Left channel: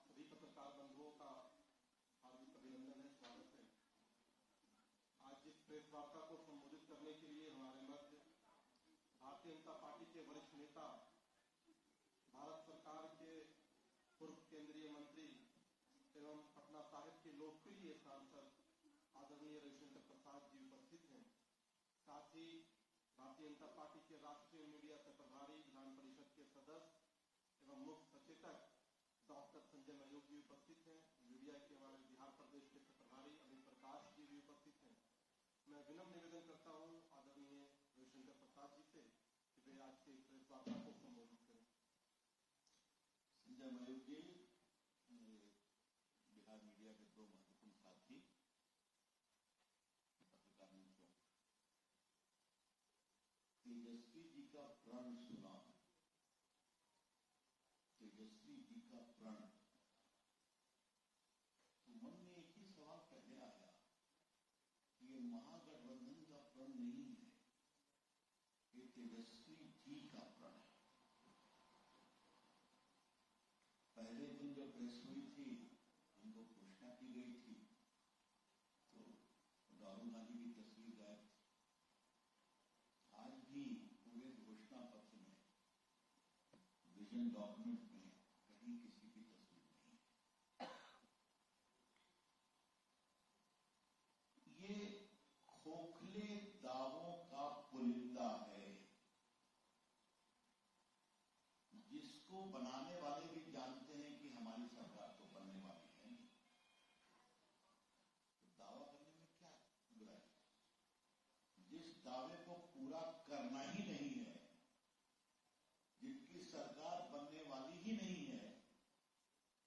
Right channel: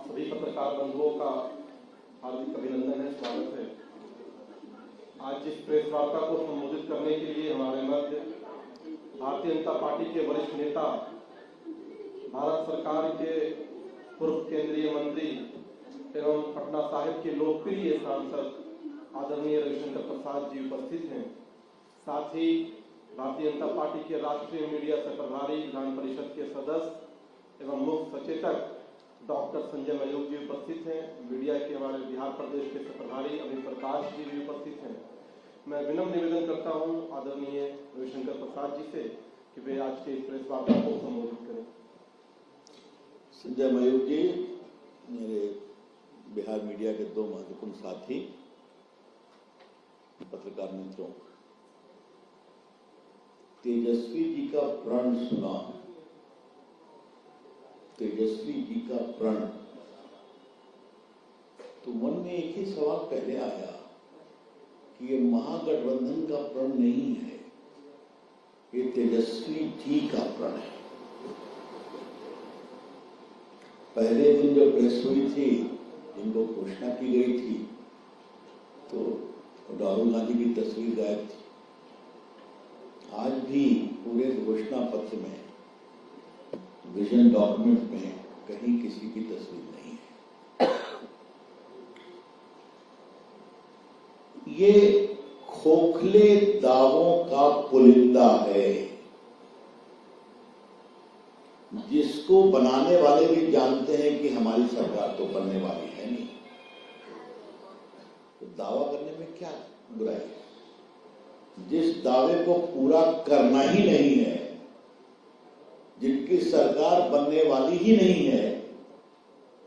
आप सभी पत्रकार बंधुओं का हार्दिक अभिनंदन है, स्वागत है। आज इस प्रेस वार्ता को संबोधित करने के लिए हमारे मध्य भारतीय जनता पार्टी के वरिष्ठ नेता, भारत सरकार के पूर्व केंद्रीय मंत्री एवं पटना साहिब के लोकप्रिय सांसद आदरणीय रविशंकर प्रसाद जी उपस्थित हैं। साथ ही भारतीय जनता पार्टी के राष्ट्रीय मीडिया से प्रभारी, विधान परिषद के सदस्य एवं मुख्य सचेतक डॉक्टर संजय मयूख जी उपस्थित हैं। मीडिया के हमारे बिहार प्रदेश के प्रभारी अभी प्रकाश जी भी उपस्थित हैं। मैं विनम्र निवेदन करता हूं आदरणीय रविशंकर प्रसाद जी से कि वे आज के प्रेस वार्ता को संबोधित करें। संजय मयूख जी, मेरे बिहार मीडिया के दो महत्वपूर्ण साथी, पत्रकार मित्रों, तेजस्वी जी का प्रण सुना, तेजस्वी जी का प्रण, तो मन में एक ही सवाल पहले आया कि ये महागठबंधन का प्रण नहीं है, ये तेजस्वी जी का प्रण है। पहले दिन जो प्रेस हुई थी, जिनको घोषणा की गई थी, तो राहुल गांधी की तस्वीर गायब थी। आज भी पूरे घोषणा पत्र में, विजन डॉक्यूमेंट में कहीं किसी की तस्वीर नहीं है। ये खोखले दावों का पुलिंदा है, जिसको बनाने वाले भी जानते हैं कि हमारी सरकार तो बनने वाली है नहीं, तो दावा करने में क्या बुराई है। जिस दावे को पूरा करना ही नहीं है, जिनकी सरकार बनने वाली ही नहीं है,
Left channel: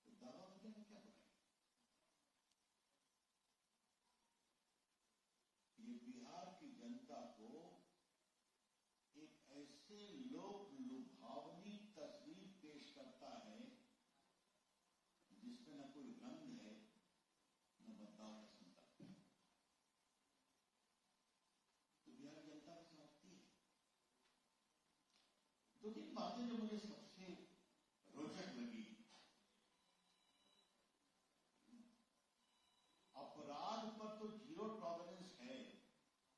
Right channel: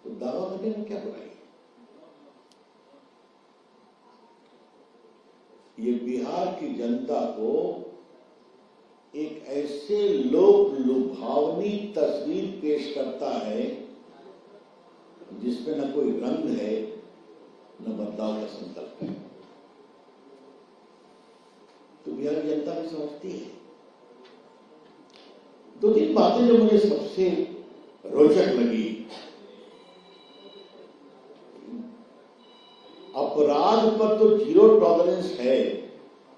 तो दावा करने में क्या बुराई है। ये बिहार की जनता को एक ऐसे लोक लुभावनी तस्वीर पेश करता है जिसमें न कोई रंग है, न बदलाव का संकल्प है। तो बिहार की जनता भी समझती है। दो तीन बातें जो मुझे सबसे रोचक लगी, अपराध पर तो जीरो टॉलरेंस है,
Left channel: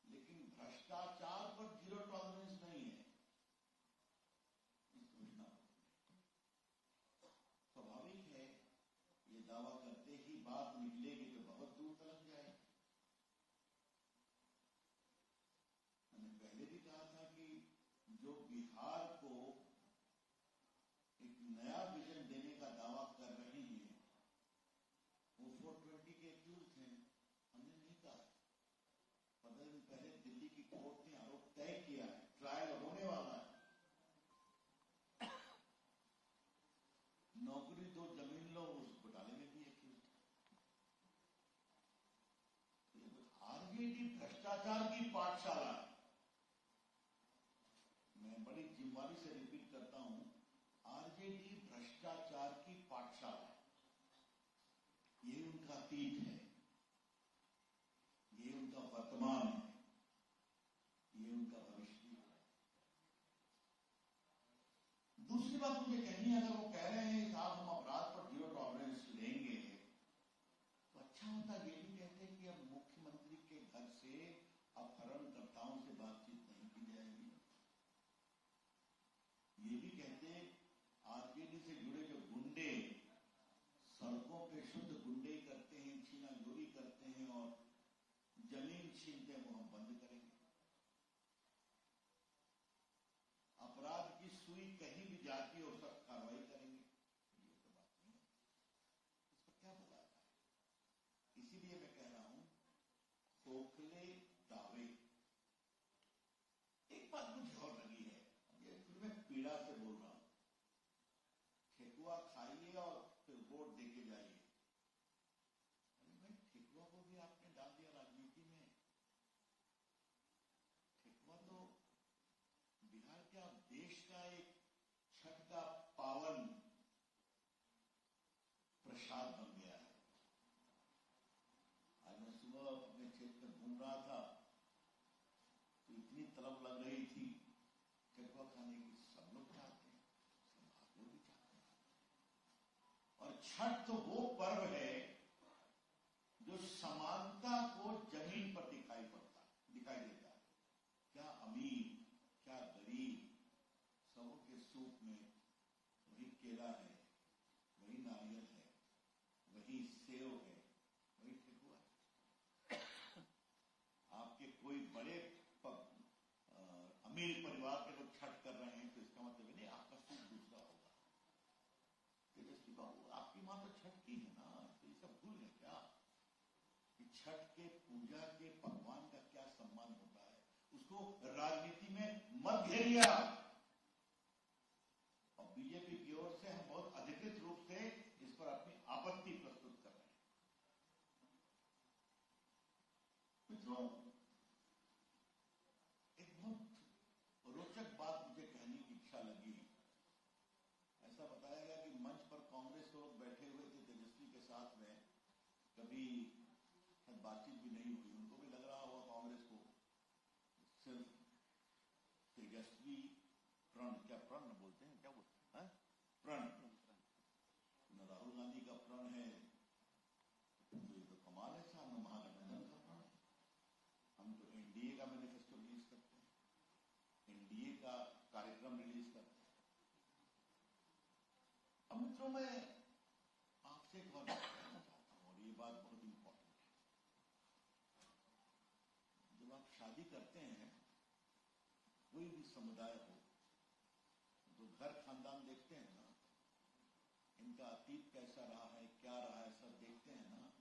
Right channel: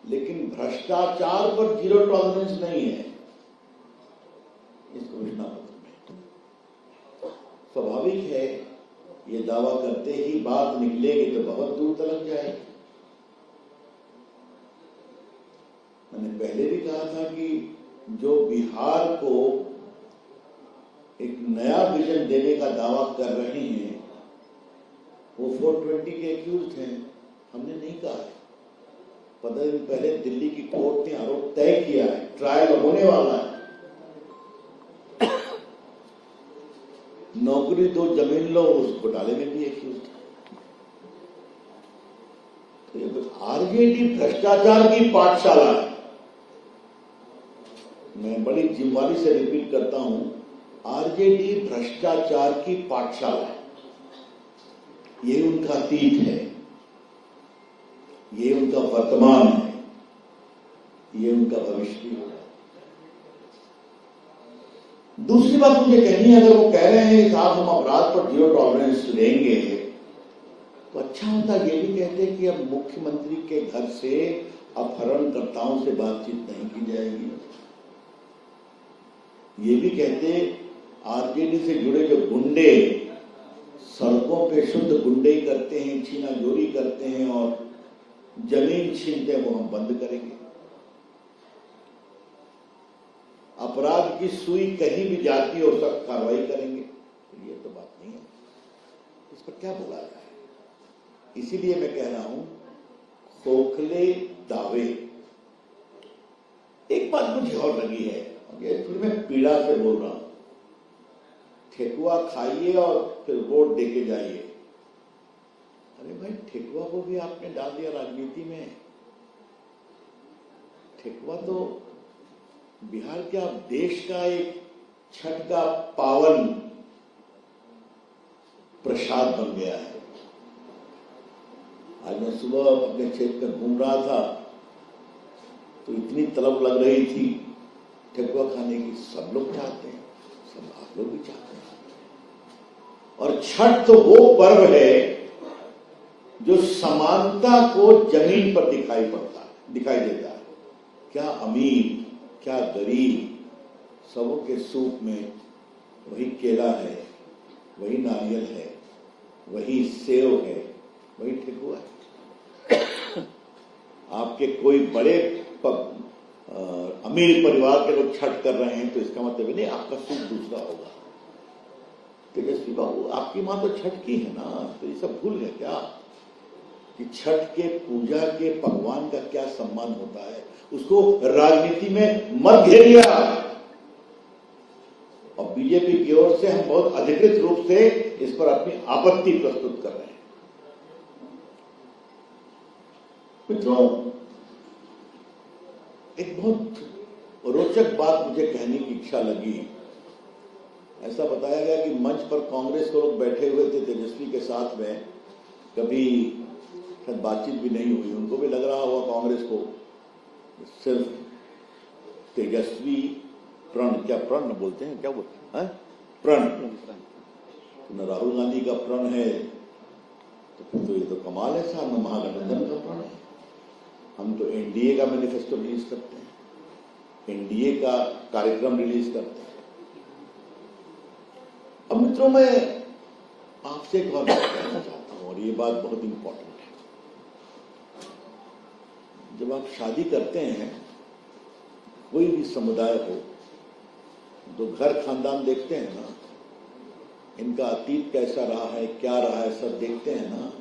लेकिन भ्रष्टाचार पर जीरो टॉलरेंस नहीं है इस घोषणा पत्र में। स्वाभाविक है, ये दावा करते ही बात निकलेगी तो बहुत दूर तक जाएगी। मैंने पहले भी कहा था कि जो बिहार को एक नया विजन देने का दावा कर रहे हैं, वो 420 के एक्यूज हैं। हमने नहीं कहा है। 15 दिन पहले दिल्ली की कोर्ट ने आरोप तय किया है, ट्रायल होने वाला है। नौकरी दो, जमीन लो, उस घोटाले में भी एक्यूज था। तो ये आरजेडी भ्रष्टाचार की पाठशाला है। मैं बड़ी जिम्मेदारी से रिपीट करता हूं, आरजेडी भ्रष्टाचार की पाठशाला है। ये उनका अतीत है, ये उनका वर्तमान है, ये उनका भविष्य भी होगा। दूसरी बात मुझे कहनी है, अगर वो कह रहे हैं साहब हम अपराध पर जीरो टॉलरेंस लेंगे, तो अच्छा होता ये भी कहते कि अब मुख्यमंत्री के घर से अपहरणकर्ताओं से बातचीत नहीं की जाएगी। ये भी कहते आरजेडी से जुड़े जो गुंडे सड़कों पे शुद्ध गुंडे करते हैं, छीना चोरी करते हैं और जमीन छीनते हैं, वो हम बंद करेंगे। अपराध की सुई कहीं भी जाती हो, सख्त कार्रवाई करेंगे। तो ये तो बात नहीं है, इस पर क्या बोला जाए। इसीलिए मैं कह रहा हूं, खोखले दावे। एक बात मुझे और लगी है, ये फिर मैं पीड़ा से बोल रहा हूं, ठेकुआ खाइए और फिर वोट देके जाइए। अरे भाई, ठेकुआ को भी आपने डाल दिया राजनीति में। ठेकुआ तो बिहार का, देश का एक छठ का पावन प्रसाद बन गया है। आज मैं सुबह अपने क्षेत्र में घूम रहा था, तो इतनी तलब लग रही थी ठेकुआ खाने की। सब लोग चाहते हैं, सब आप लोग भी चाहते हैं। और छठ तो वो पर्व है जो समानता को जमीन पर दिखाई देता है। क्या अमीर, क्या गरीब, सबों के सूप में वही केला है, वही नारियल है, वही सेव है, वही ठेकुआ है। आपके कोई बड़े अमीर परिवार के लोग छठ कर रहे हैं तो इसका मतलब नहीं आपका सूप दूसरा होगा। तेजस्वी बाबू, आपकी मां तो छठ की है ना, तो ये सब भूल गए क्या कि छठ के पूजा के भगवान का क्या सम्मान होता है? उसको राजनीति में मत घेरिए। और बीजेपी की ओर से हम बहुत अधिकृत रूप से इस पर अपनी आपत्ति प्रस्तुत कर रहे हैं। मित्रों, एक बहुत रोचक बात मुझे कहने की इच्छा लगी। ऐसा बताया गया कि मंच पर कांग्रेस के लोग बैठे हुए थे तेजस्वी के साथ में, कभी शायद बातचीत भी नहीं हुई, उनको भी लग रहा होगा कांग्रेस को सिर्फ तेजस्वी प्रण, क्या प्रण बोलते हैं, क्या बोलते हैं, प्रण, न राहुल गांधी का प्रण है तो फिर तो ये तो कमाल है साहब, न महागठबंधन का प्रण है। हम तो एनडीए का मैनिफेस्टो रिलीज करते हैं, एनडीए का कार्यक्रम रिलीज करते हैं। अब मित्रों, मैं आपसे एक बात कहना चाहता हूं और ये बात बहुत इंपॉर्टेंट है। जब आप शादी करते हैं, कोई भी समुदाय हो, तो घर खानदान देखते हैं ना, इनका अतीत कैसा रहा है, क्या रहा है, सब देखते हैं ना,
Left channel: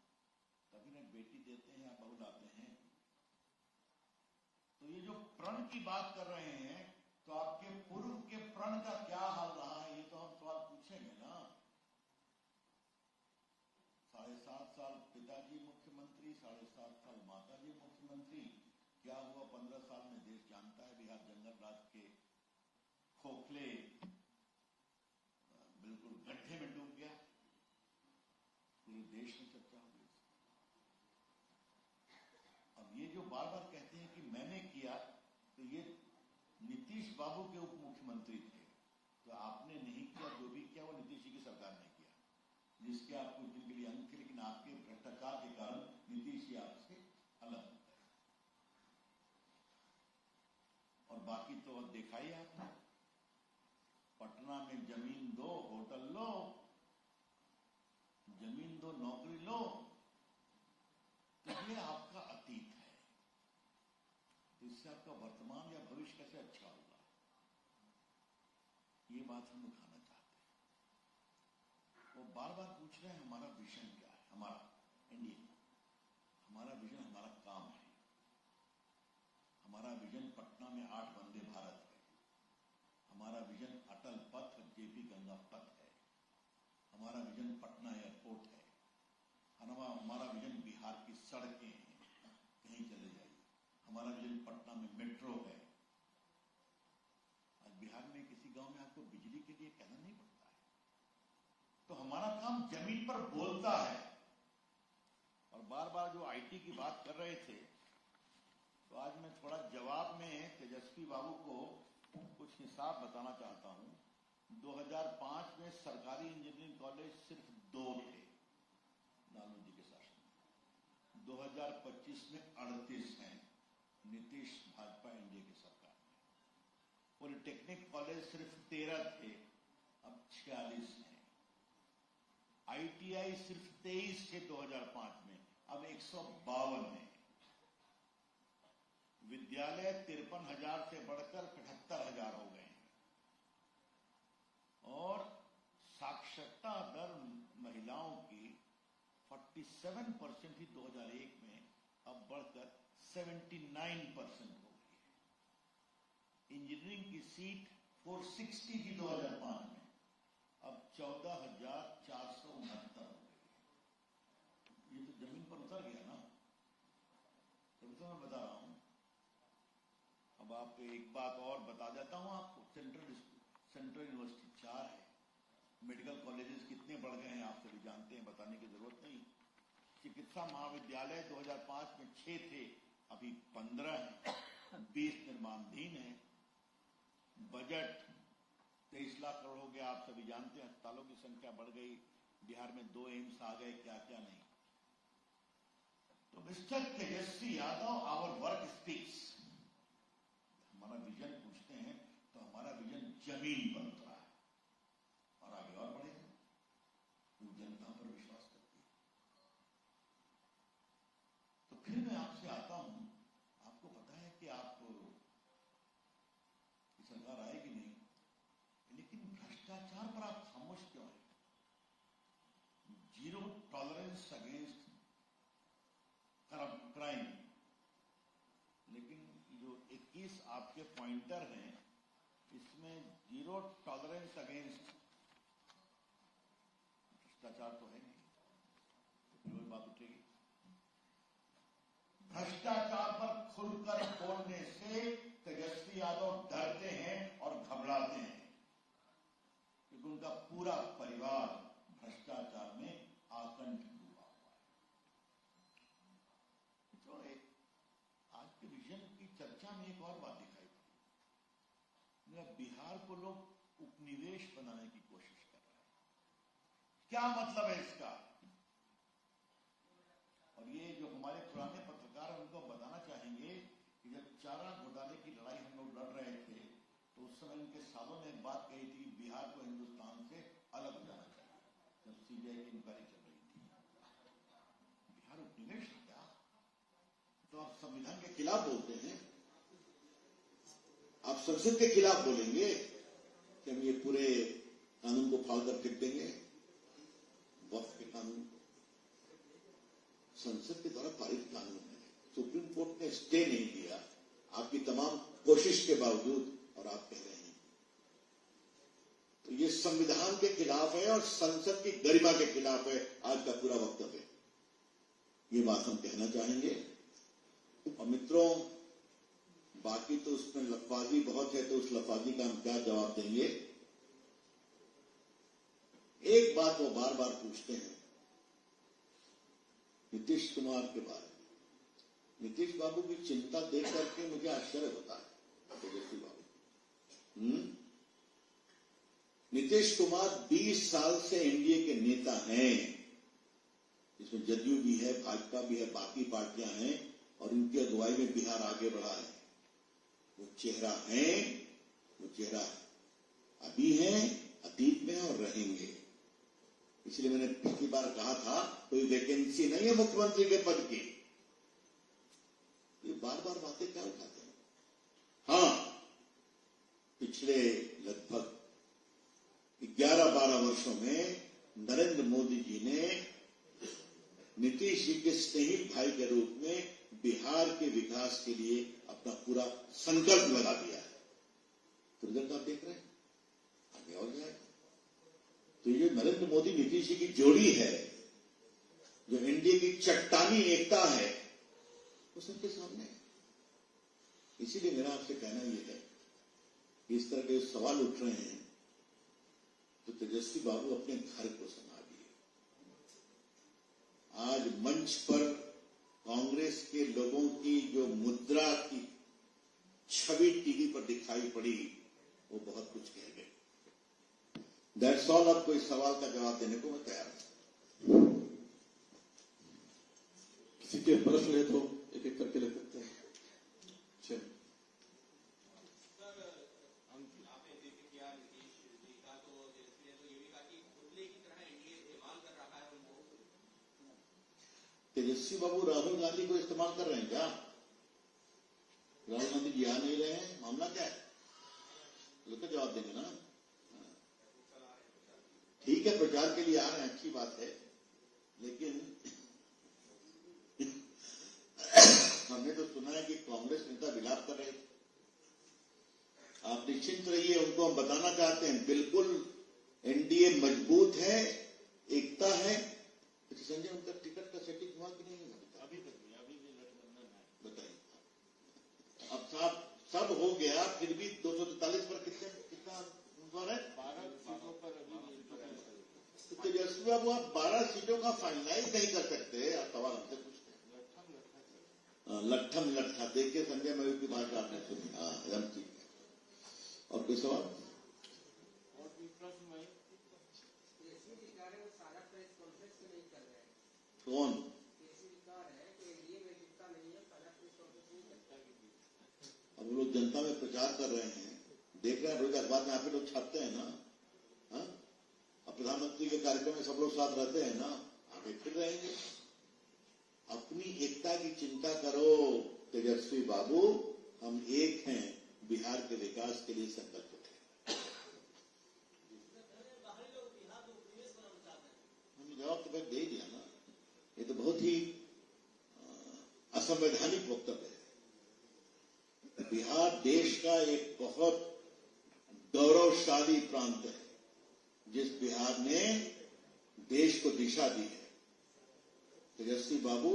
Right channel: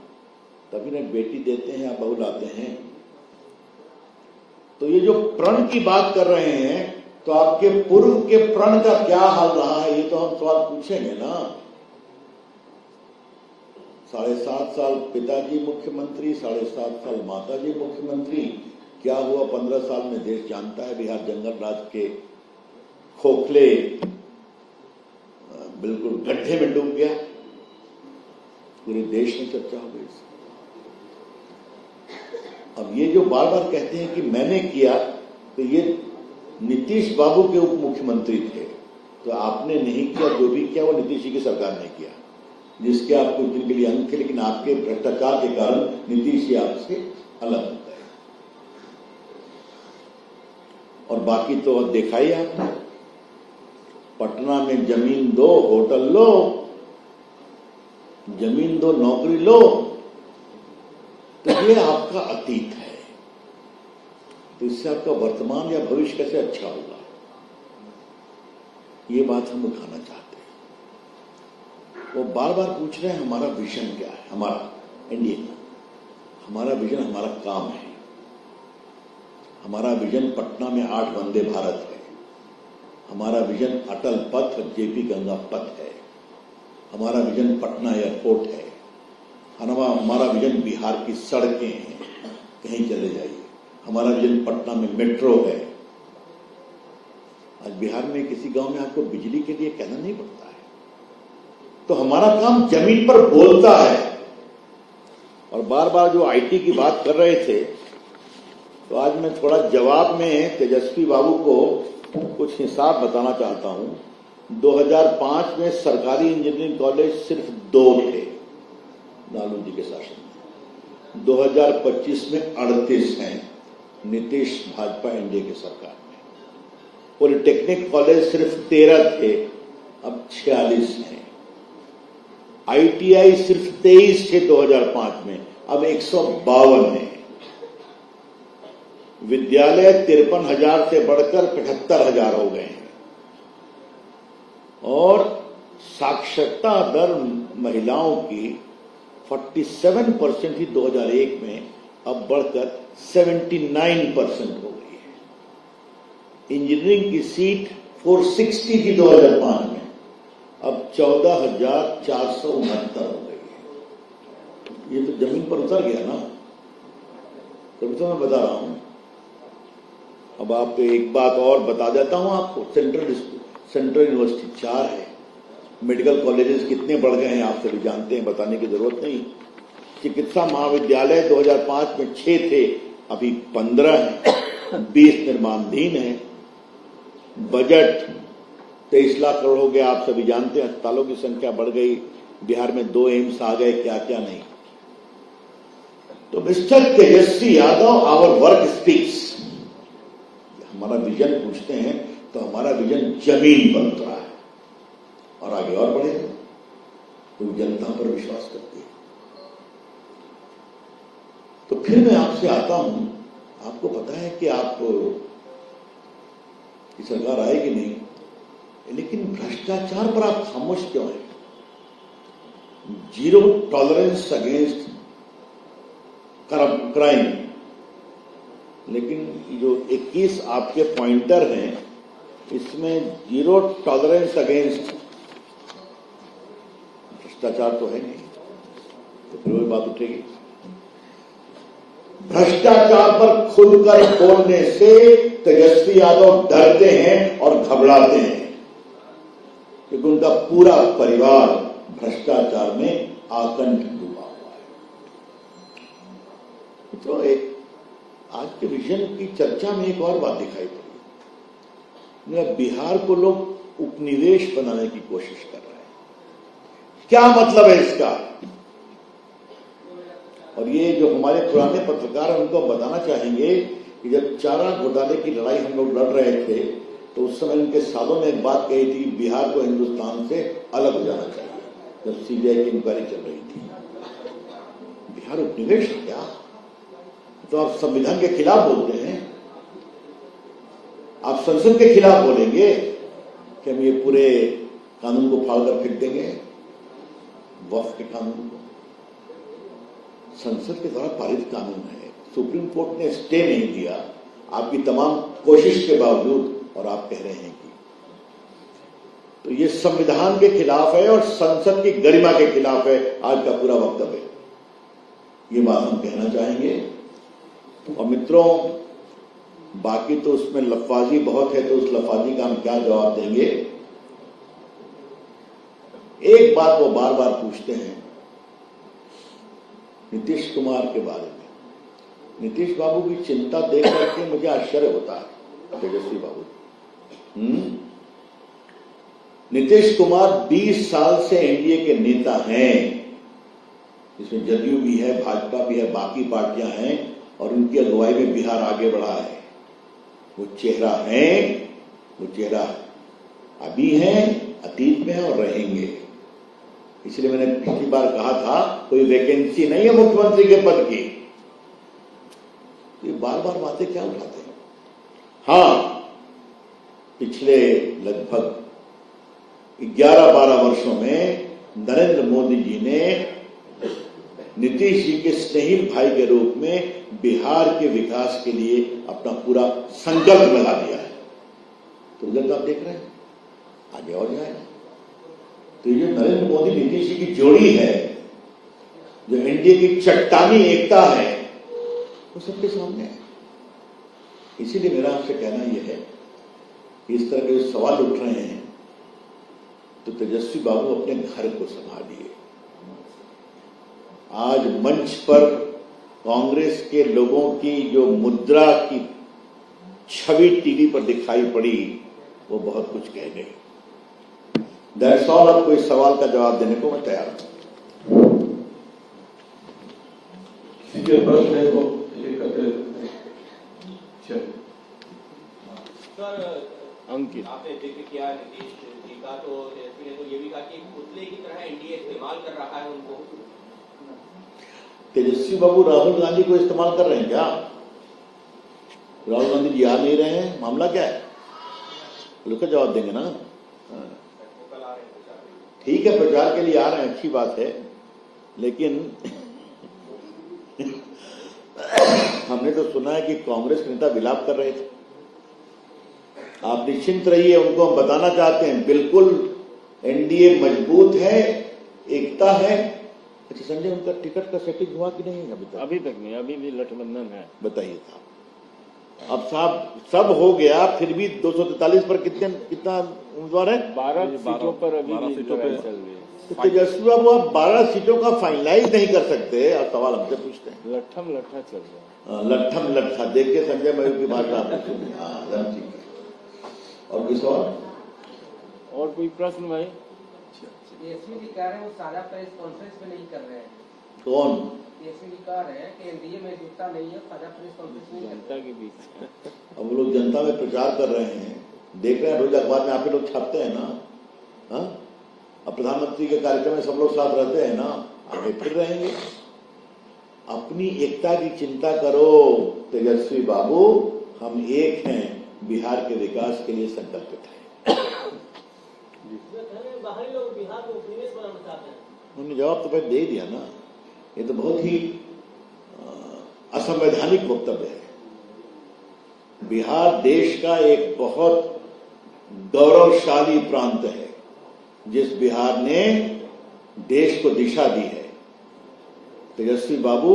तभी ना बेटी देते हैं या बहू लाते हैं। तो ये जो प्रण की बात कर रहे हैं, तो आपके पूर्व के प्रण का क्या हाल रहा है, ये तो हम सवाल पूछेंगे ना। 7.5 साल पिताजी मुख्यमंत्री, 7.5 साल माताजी मुख्यमंत्री, क्या हुआ 15 साल में देश जानता है। बिहार जंगल राज के खोखले बिल्कुल गड्ढे में डूब गया, पूरे देश में चर्चा हो गई। अब ये जो बार बार कहते हैं कि मैंने किया, तो ये नीतीश बाबू के उप मुख्यमंत्री थे, तो आपने नहीं किया, जो भी किया वो नीतीश जी की सरकार ने किया, जिसके आप कुछ दिन के लिए अंग थे, लेकिन आपके भ्रष्टाचार के कारण नीतीश जी आपसे अलग हो गए। और बाकी तो देखा ही आपने, पटना में जमीन दो, होटल लो, जमीन दो, नौकरी लो, तो ये आपका अतीत है। तो इससे आपका वर्तमान या भविष्य कैसे अच्छा होगा, ये बात हम उठाना चाहते हैं। वो बार बार पूछ रहे हैं हमारा विजन क्या है, हमारा एनडीए का हमारा विजन, हमारा काम है। हमारा विजन पटना में 8 वंदे भारत है, हमारा विजन अटल पथ और जेपी गंगा पथ है, हमारा विजन पटना एयरपोर्ट है, हमारा विजन बिहार की सड़कें हैं, कहीं चले जाइए, हमारा विजन पटना में मेट्रो है। आज बिहार में किसी गांव में आपको बिजली के लिए कहना नहीं पड़ता है। तो हमारा काम जमीन पर बोलता है। और बार बार जो आईटी की बात कर रहे थे, तो आज मैं थोड़ा जवाब में तेजस्वी बाबू को कुछ हिसाब बताना चाहता हूं। 2005 में सरकारी इंजीनियरिंग कॉलेज सिर्फ 2 थे लालू जी के शासन में, 2025 में 38 हैं नीतीश भाजपा एनडीए की सरकार में। पॉलिटेक्निक कॉलेज सिर्फ 13 थे, अब 46 हैं। आईटीआई सिर्फ 23 थे 2005 में, अब 152 हैं। विद्यालय 53,000 से बढ़कर 75,000 हो गए हैं। और साक्षरता दर महिलाओं की 47% थी 2001 में, अब बढ़कर 79% हो गई है। इंजीनियरिंग की सीट 460 थी 2005 में, अब 14,469 हो गई है। ये तो जमीन पर उतर गया ना, तभी तो मैं बता रहा हूं। अब आप एक बात और बता देता हूं आपको, सेंट्रल यूनिवर्सिटी 4 है, मेडिकल कॉलेजेस कितने बढ़ गए हैं आप सभी जानते हैं, बताने की जरूरत नहीं। चिकित्सा महाविद्यालय 2005 में 6 थे, अभी 15 हैं, 20 निर्माणाधीन हैं। बजट 23 लाख करोड़ हो गया, आप सभी जानते हैं। अस्पतालों की संख्या बढ़ गई, बिहार में 2 एम्स आ गए, क्या क्या नहीं। तो mister Tejashwi Yadav, our work speaks. हमारा विजन पूछते हैं तो हमारा विजन जमीन पर उतरा है और आगे और बढ़ेगा, तो जनता पर विश्वास करती है। तो फिर मैं आपसे आता हूं, आपको पता है कि आप की सरकार आएगी नहीं, लेकिन भ्रष्टाचार पर आप खामोश क्यों हैं? 0 टॉलरेंस अगेंस्ट क्राइम, लेकिन जो 21 आपके पॉइंटर हैं इसमें 0 टॉलरेंस अगेंस्ट भ्रष्टाचार तो है नहीं, तो फिर वही बात उठेगी। भ्रष्टाचार पर खुलकर बोलने से तेजस्वी यादव डरते हैं और घबराते हैं, क्योंकि उनका पूरा परिवार भ्रष्टाचार में आकंठ डूबा हुआ है। तो एक आज के विजन की चर्चा में एक और बात दिखाई पड़ी, बिहार को लोग उपनिवेश बनाने की कोशिश कर रहे हैं। क्या मतलब है इसका? और ये जो हमारे पुराने पत्रकार हैं उनको बताना चाहेंगे कि जब चारा घोटाले की लड़ाई हम लोग लड़ रहे थे तो उस समय उनके सालों में एक बात कही थी, बिहार को हिंदुस्तान से अलग हो जाना चाहिए, जब सीबीआई की इंक्वायरी चल रही थी। बिहार उपनिवेश है क्या? तो आप संविधान के खिलाफ बोलते हैं, आप संसद के खिलाफ बोलेंगे कि हम ये पूरे कानून को फाड़कर फेंक देंगे, वक्फ के कानून को। संसद के द्वारा पारित कानून है, सुप्रीम कोर्ट ने स्टे नहीं दिया आपकी तमाम कोशिश के बावजूद, और आप कह रहे हैं कि तो ये संविधान के खिलाफ है और संसद की गरिमा के खिलाफ है आज का पूरा वक्तव्य। ये बात हम कहना चाहेंगे। और मित्रों, बाकी तो उसमें लफाजी बहुत है, तो उस लफाजी का हम क्या जवाब देंगे। एक बात वो बार बार पूछते हैं नीतीश कुमार के बारे में। नीतीश बाबू की चिंता देख करके मुझे आश्चर्य होता है। तेजस्वी बाबू, नीतीश कुमार 20 साल से एनडीए के नेता हैं, इसमें जदयू भी है, भाजपा भी है, बाकी पार्टियां हैं, और उनकी अगुवाई में बिहार आगे बढ़ा है। वो चेहरा है, वो चेहरा अभी है, अतीत में है और रहेंगे। इसलिए मैंने पिछली बार कहा था कोई वैकेंसी नहीं है मुख्यमंत्री के पद की। ये बार बार बातें क्या उठाते हैं? हाँ, पिछले लगभग 11-12 वर्षों में नरेंद्र मोदी जी ने नीतीश जी के स्नेहित भाई के रूप में बिहार के विकास के लिए अपना पूरा संकल्प लगा दिया है। तो रिजल्ट आप देख रहे हैं, आगे और जाएगा। तो ये जो नरेंद्र मोदी नीतीश जी की जोड़ी है, जो एनडीए की चट्टानी एकता है, वो सबके सामने है। इसीलिए मेरा आपसे कहना यह है कि इस तरह के जो सवाल उठ रहे हैं, तो तेजस्वी बाबू अपने घर को संभालिए। आज मंच पर कांग्रेस के लोगों की जो मुद्रा की छवि टीवी पर दिखाई पड़ी, वो बहुत कुछ कह गई। That's all. आपको इस सवाल का जवाब देने को मैं तैयार हूं। सीधे प्रश्न है तो एक करके अंकित, आपने जिक्र किया नीतीश जी का, तो तेजस्वी ने तो ये भी कहा कि पुतले की तरह एनडीए इस्तेमाल कर रहा है उनको। तेजस्वी बाबू राहुल गांधी को इस्तेमाल कर रहे हैं क्या? राहुल गांधी जी आ नहीं रहे हैं, मामला क्या है? लोग का जवाब देंगे ना। ठीक है, प्रचार के लिए आ रहे हैं, अच्छी बात है, लेकिन हमने तो सुना है कि कांग्रेस के नेता विलाप कर रहे थे। आप निश्चिंत रहिए, उनको हम बताना चाहते हैं बिल्कुल एनडीए मजबूत है, एकता है। अच्छा संजय, उनका टिकट का सेटिंग हुआ कि नहीं अभी तक? अभी तक नहीं, अभी भी गठबंधन है। बताइए साहब। अब साहब सब हो गया, फिर भी 243 पर कितना उम्मीदवार है? 12 सीटों पर अभी 12 भी सीटों पे लड़ाई चल रही है। तो तेजस्वी बाबू आप 12 सीटों का फाइनलाइज नहीं कर सकते, आप सवाल हमसे पूछते हैं। लट्ठम लट्ठा चल रहा है। लट्ठम लट्ठा। देखिए संजय मयूर की बात आपने सुनी। हाँ, ठीक है। और किस और और कोई प्रश्न भाई? तेजस्वी जी कह रहे हैं वो साझा प्रेस कॉन्फ्रेंस में नहीं कर रहे हैं। कौन? तेजस्वी जी कह रहे हैं कि एनडीए में जुटता नहीं है, साझा प्रेस कॉन्फ्रेंस नहीं कर जनता के बीच अब वो लोग जनता में प्रचार कर रहे हैं, देख रहे हैं रोज अखबार में आप ही लोग छापते हैं ना। हाँ, अब प्रधानमंत्री के कार्यक्रम में सब लोग साथ रहते हैं ना, आगे फिर रहेंगे। अपनी एकता की चिंता करो तेजस्वी बाबू, हम एक हैं, बिहार के विकास के लिए संकल्पित हैं। बाहरी लोग बिहार को उपनिवेश बनाना चाहते हैं। उन्होंने जवाब तो पहले दे ही दिया ना। ये तो बहुत ही असंवैधानिक वक्तव्य है। बिहार देश का एक बहुत गौरवशाली प्रांत है, जिस बिहार ने देश को दिशा दी है। तेजस्वी बाबू,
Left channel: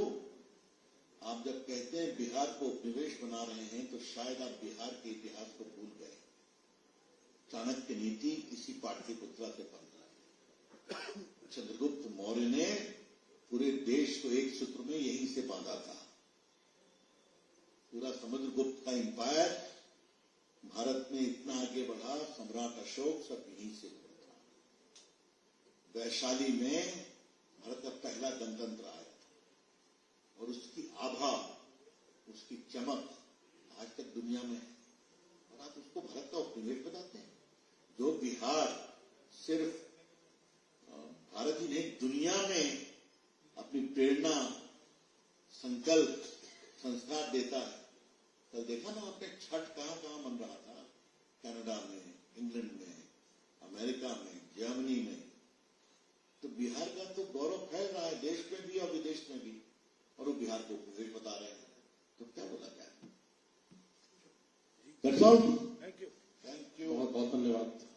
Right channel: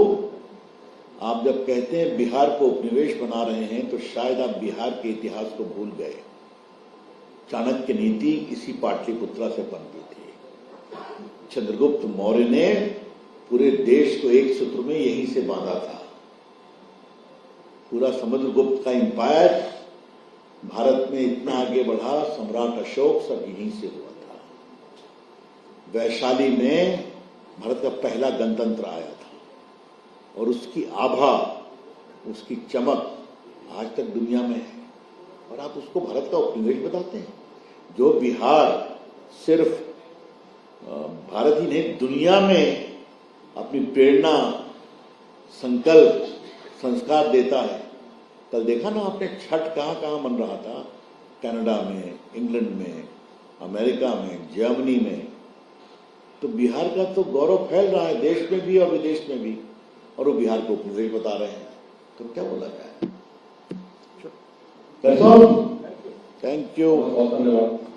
आप जब कहते हैं बिहार को उपनिवेश बना रहे हैं, तो शायद आप बिहार के इतिहास को भूल गए। चाणक्य नीति इसी पाटलिपुत्रा से पनपी थी। चंद्रगुप्त मौर्य ने पूरे देश को एक सूत्र में यहीं से बांधा था। पूरा समुद्रगुप्त का एम्पायर भारत में इतना आगे बढ़ा, सम्राट अशोक सब यहीं से हुआ था। वैशाली में भारत का पहला गणतंत्र आया था और उसकी आभा, उसकी चमक आज तक दुनिया में है, और आप उसको भारत का उपनिवेश बताते हैं। जो बिहार सिर्फ भारत ही नहीं, दुनिया में अपनी प्रेरणा, संकल्प, संस्कार देता है। कल देखा ना आपने, छठ कहाँ कहाँ मन रहा था, कनाडा में, इंग्लैंड में, अमेरिका में, जर्मनी में। तो बिहार का तो गौरव फैल रहा है देश में भी और विदेश में भी, और वो बिहार को उपनिवेश बता रहे हैं। तो क्या बोला जाए? Thank you. बहुत धन्यवाद।